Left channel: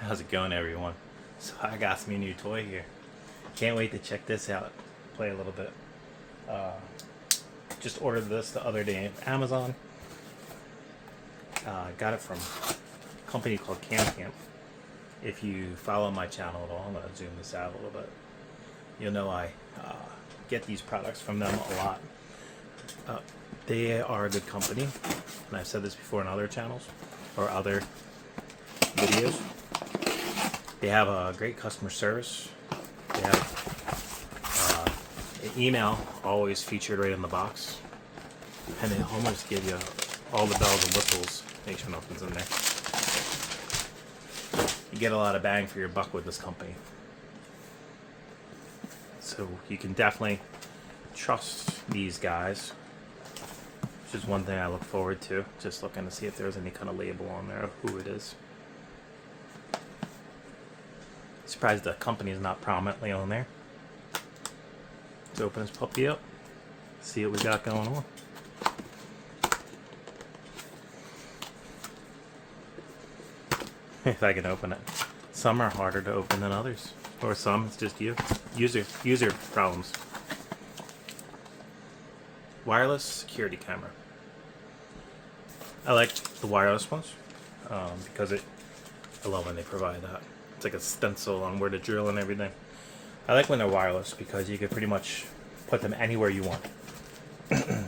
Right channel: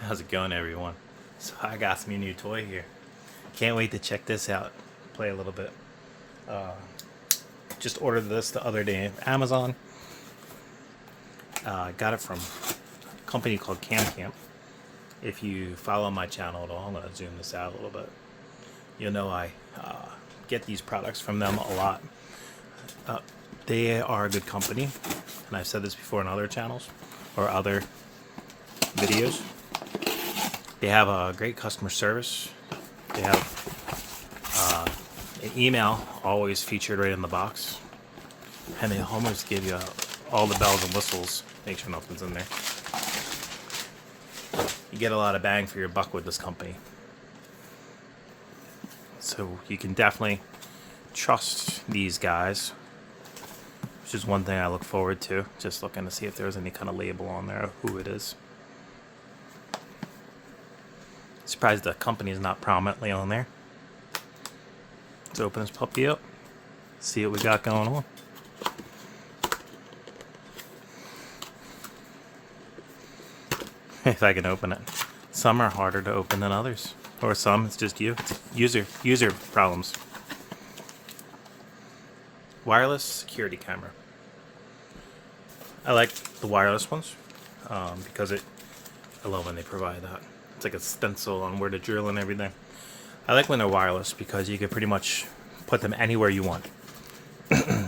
How's it going, everyone? So I got some new toy here. Can't wait to check this out. Play a little bit. Just ordered this the other day on Amazon. I got it from a company called Camcamp. If you follow my channel at all, I'm going to zoom this out a little bit. You'll know I get these products from them a lot. They are a good company, and I've said this before in other channels or other videos. They have a great customer service. They have an email always featured right in the box, and they almost give you all the bells and whistles. Make sure nothing's in there. You get a lot of bang for your buck with this company, so you can definitely trust these guys, which is one thing I look forward to. Just looking to see if there's any kind of label on there of who it is. Surprised the company is not prominently on there. Let's open this puppy up, see what we got going on. If I can open it. Some are harder to open than others, or some it's just user problems. Wireless security camera. I like the wireless ones because I love when they provide that. It's like a stencil on where to drill and everything. I like when they're wireless because you can pretty much put them anywhere you want.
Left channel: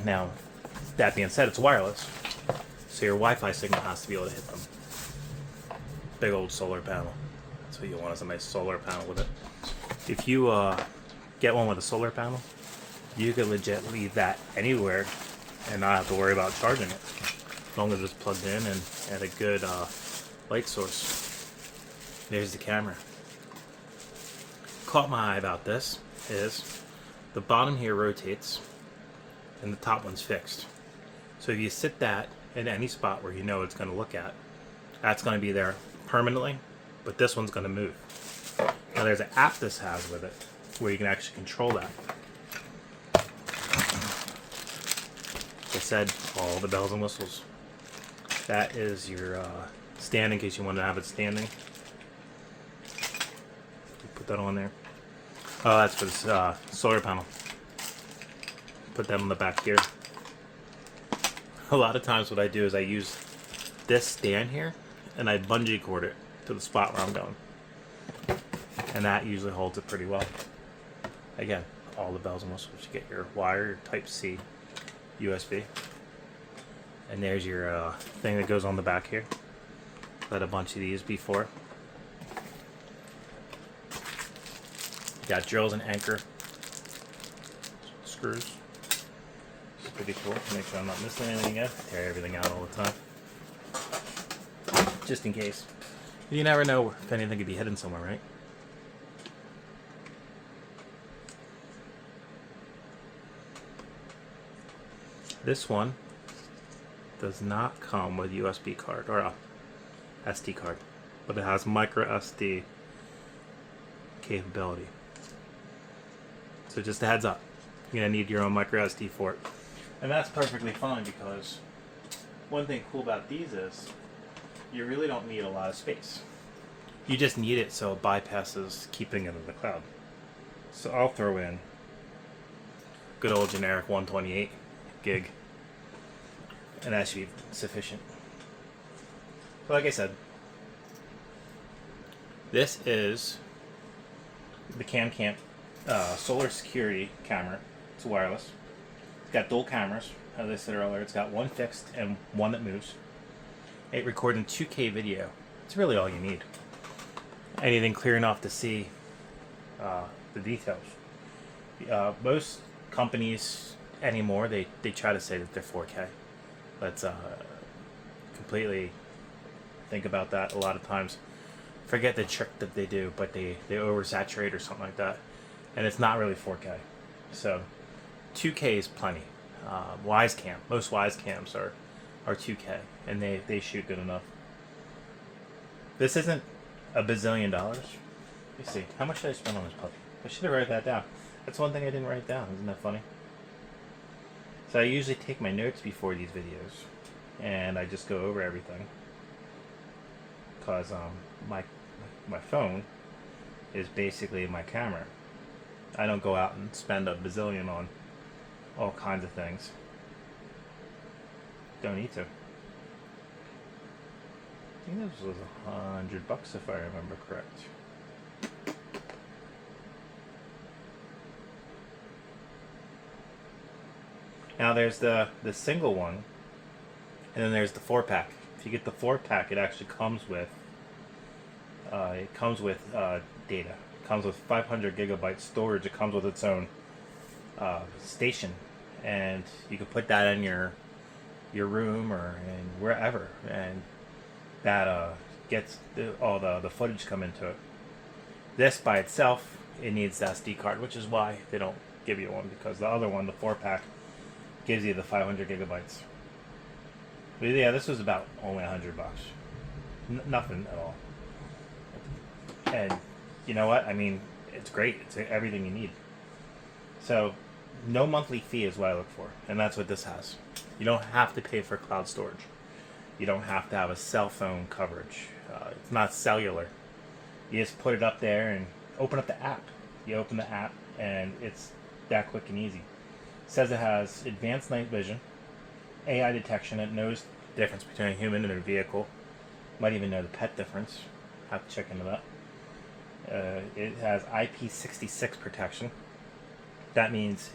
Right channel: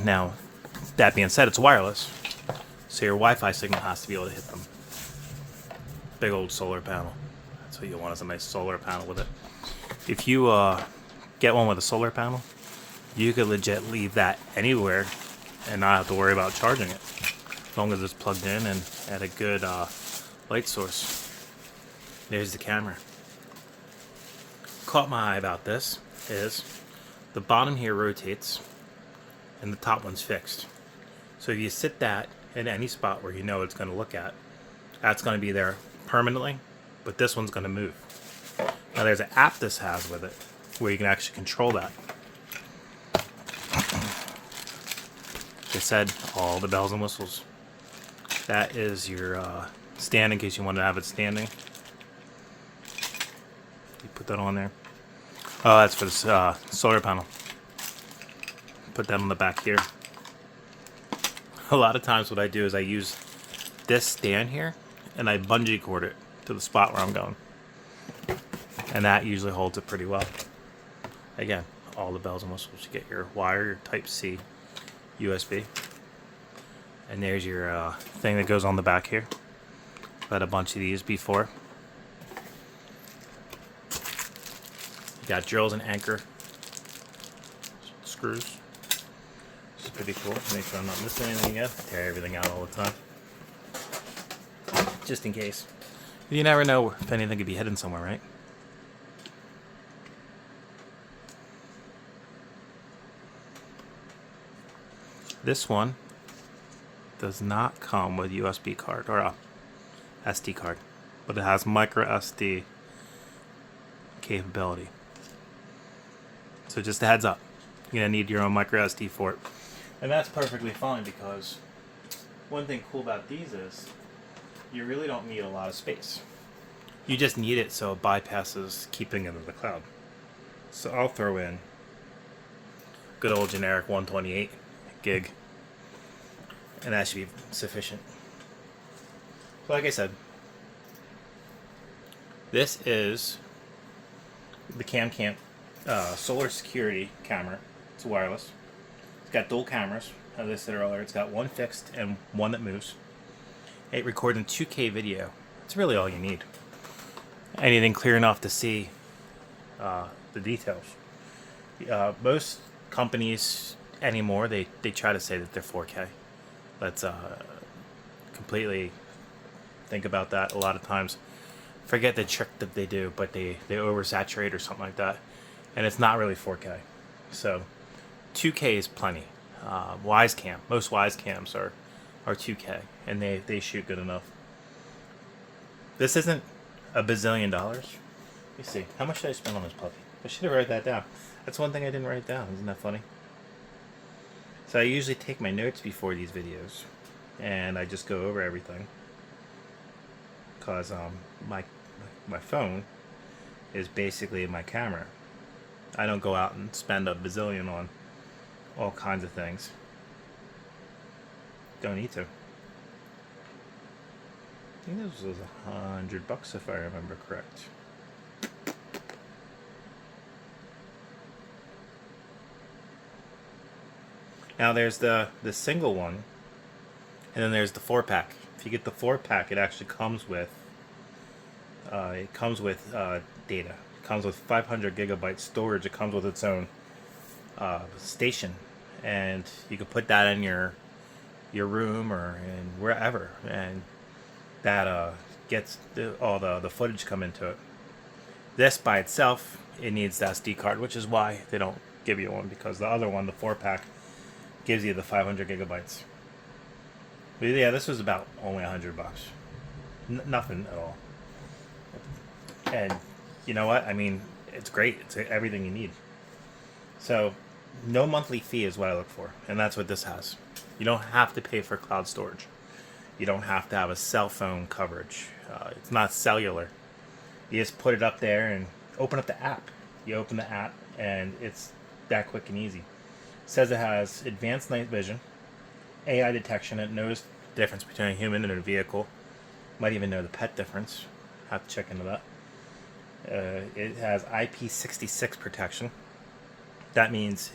Now, that being said, it's wireless, so your Wi-Fi signal has to be able to hit them. Big old solar panel. That's what you want, is a nice solar panel with it. If you get one with a solar panel, you could legit leave that anywhere and not have to worry about charging it, as long as it's plugged in and at a good light source. There's the camera. Caught my eye about this is the bottom here rotates and the top one's fixed. So if you sit that in any spot where you know it's going to look at, that's going to be there permanently, but this one's going to move. Now there's an app this has with it where you can actually control that. They said all the bells and whistles. That is your stand in case you want to have it standing. You put that on there. Oh, that's for the solar panel. Put that on the back here. A lot of times what I do is I use this stand here and I bungee cord it to the spot where I'm going. And that usually holds it pretty well. Again, all the bells and whistles. You get your wire, your Type-C USB. And there's your thing that goes on the back here. I've had a bunch of these before. Got drills and anchor screws. It's pretty cool. Make sure I'm not missing anything yet. Tear everything out all the time. Just in case. You never know if anything could be hidden somewhere, right? This one does not come with USB card or a SD card, but it has micro SD capability. So just a heads up, you're gonna need your own micro SD for it, and that's perfectly fine because one thing cool about these is you really don't need a lot of space. You just need it so it bypasses keeping it in the cloud. So I'll throw in good old generic 128 gig, and that should be sufficient. So like I said, this is the Camcamp solar security camera. It's wireless. It's got dual cameras, as I said earlier. It's got one fixed and one that moves. It records in 2K video. It's really all you need. Anything clear enough to see the details. Most companies anymore, they try to say that they're 4K. Let's completely think about that. A lot of times forget the trick that they do, but they oversaturate or something like that, and it's not really 4K. So 2K is plenty. Most Wise cams are 2K, and they shoot good enough. This isn't a bazillion dollars. Let me see. How much did I spend on this puppy? I should have written that down. That's one thing I didn't write down. Isn't that funny? So I usually take my notes before these videos, and I just go over everything. Because my my phone is basically my camera. I don't go out and spend a bazillion on all kinds of things. Don't need to. I think this was $100 if I remember correct. Now there's the single one, and then there's the 4-pack. If you get the 4-pack, it actually comes with data. It comes with 500 gigabyte storage. It comes with its own station, and you can put that in your room or in wherever, and that gets all the footage come into it. This by itself, it needs the SD card, which is why they don't give you one, because the other one, the 4-pack, gives you the 500 gigabytes. But yeah, this was about only $100. Nothing at all. And you know what? I mean, it's great. It's everything you need. So, no monthly fee is what I look for, and that's what this has. You don't have to pay for cloud storage. You don't have to have a cell phone coverage. It's not cellular. You just put it up there and open up the app. You open the app, and it's that quick and easy. It says it has advanced night vision, AI detection. It knows the difference between a human and a vehicle. Might even know the pet difference. Have to check into that. It has IP66 protection. That means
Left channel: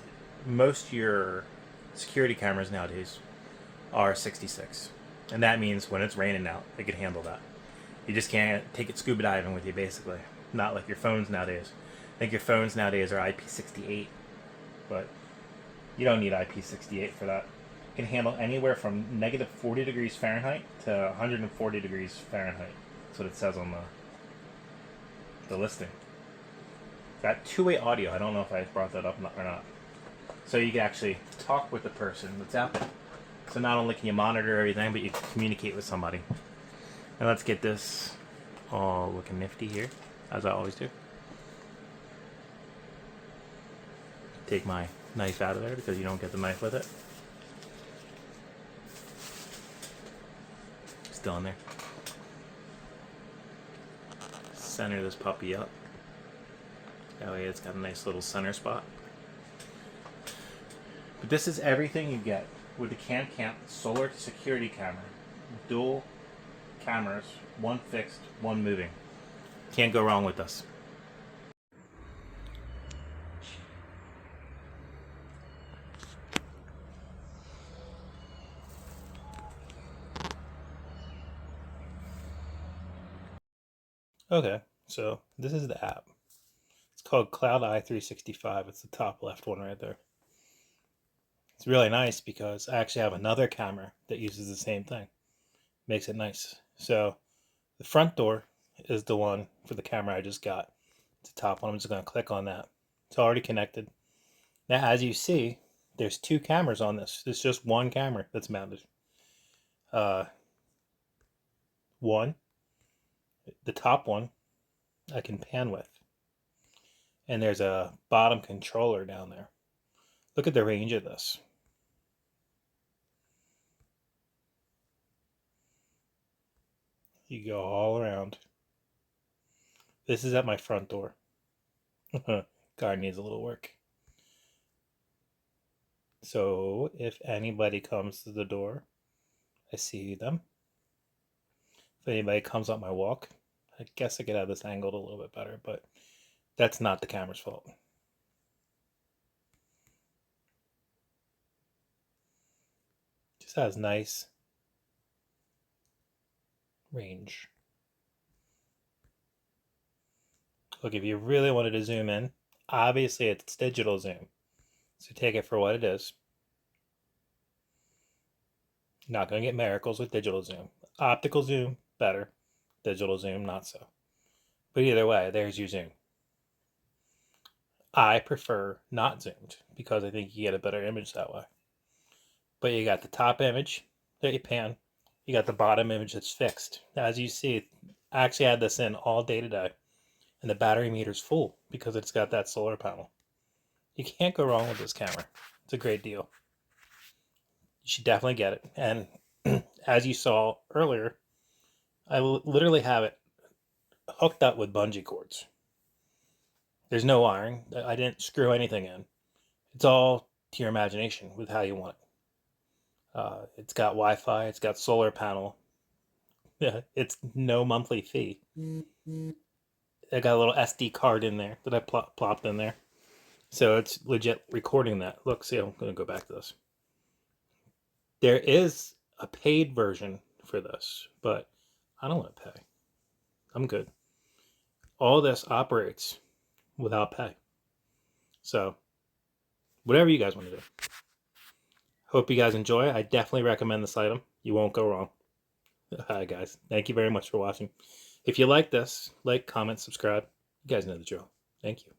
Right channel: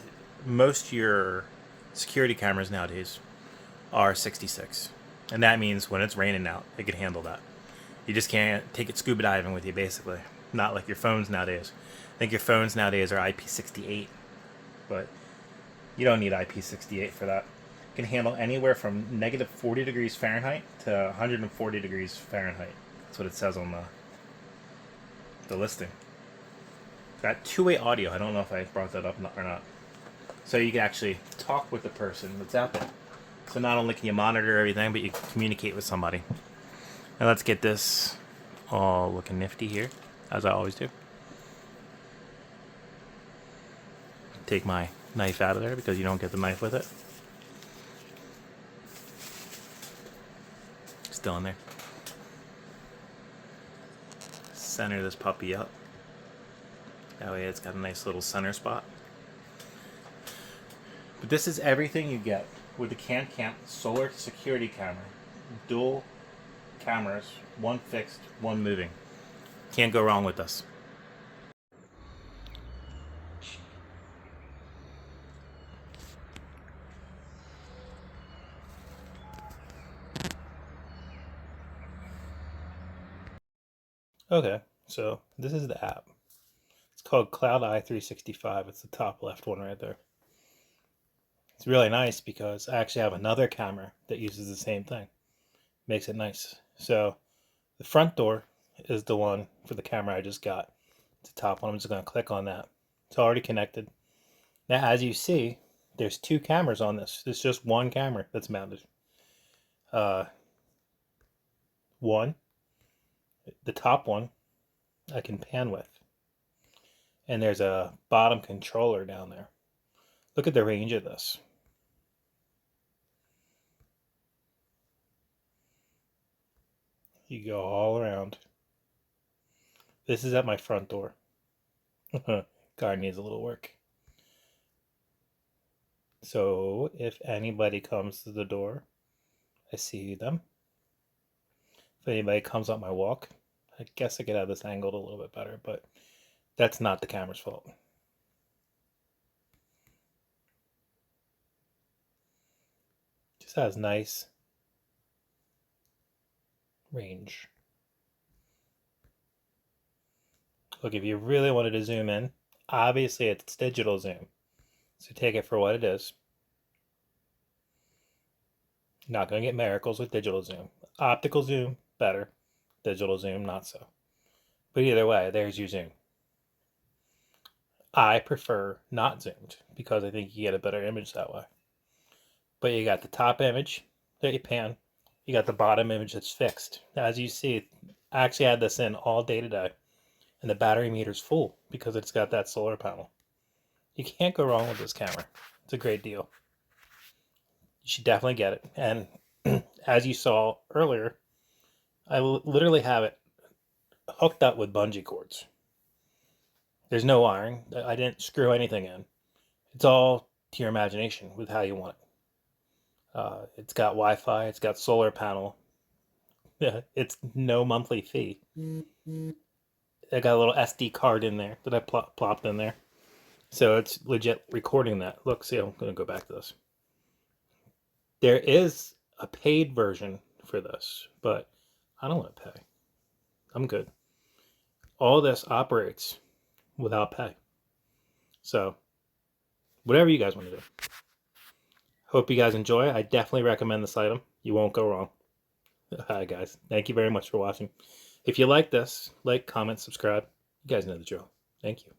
most of your security cameras nowadays are 66. And that means when it's raining out, it can handle that. You just can't take it scuba diving with you, basically. Not like your phones nowadays. I think your phones nowadays are IP68. But you don't need IP68 for that. It can handle anywhere from negative 40 degrees Fahrenheit to 140 degrees Fahrenheit. That's what it says on the listing. Got two-way audio. I don't know if I brought that up or not. So you can actually talk with the person that's out there. So not only can you monitor everything, but you can communicate with somebody. Now let's get this all looking nifty here, as I always do. Take my knife out of there because you don't get the knife with it. Still in there. Center this puppy up. That way it's got a nice little center spot. But this is everything you get with the Camcamp solar security camera. Dual cameras, one fixed, one moving. Can't go wrong with this. Okay, so this is the app. It's called Cloud Eye 365. It's the top left one right there. It's really nice because I actually have another camera that uses the same thing. Makes it nice. So the front door is the one for the camera I just got. It's the top one. I'm just going to click on that. It's already connected. Now, as you see, there's two cameras on this. It's just one camera that's mounted. One, the top one, I can pan with. And there's a bottom controller down there. Look at the range of this. You go all around. This is at my front door. Car needs a little work. So if anybody comes to the door, I see them. If anybody comes up my walk, I guess I could have this angled a little bit better, but that's not the camera's fault. Just has nice range. Look, if you really wanted to zoom in, obviously it's digital zoom. So take it for what it is. Not going to get miracles with digital zoom. Optical zoom, better. Digital zoom, not so. But either way, there's your zoom. I prefer not zoomed because I think you get a better image that way. But you got the top image that you pan. You got the bottom image that's fixed. As you see, I actually had this in all day today. And the battery meter's full because it's got that solar panel. You can't go wrong with this camera. It's a great deal. You should definitely get it. And as you saw earlier, I literally have it hooked up with bungee cords. There's no wiring. I didn't screw anything in. It's all to your imagination with how you want it. It's got Wi-Fi. It's got solar panel. Yeah, it's no monthly fee. I got a little SD card in there that I plopped in there. So it's legit recording that. Look, see, I'm going to go back to this. There is a paid version for this, but I don't want to pay. I'm good. All this operates without pay. So, whatever you guys want to do. Hope you guys enjoy. I definitely recommend this item. You won't go wrong. Hi, guys. Thank you very much for watching. If you like this, like, comment, subscribe. You guys know the drill. Thank you.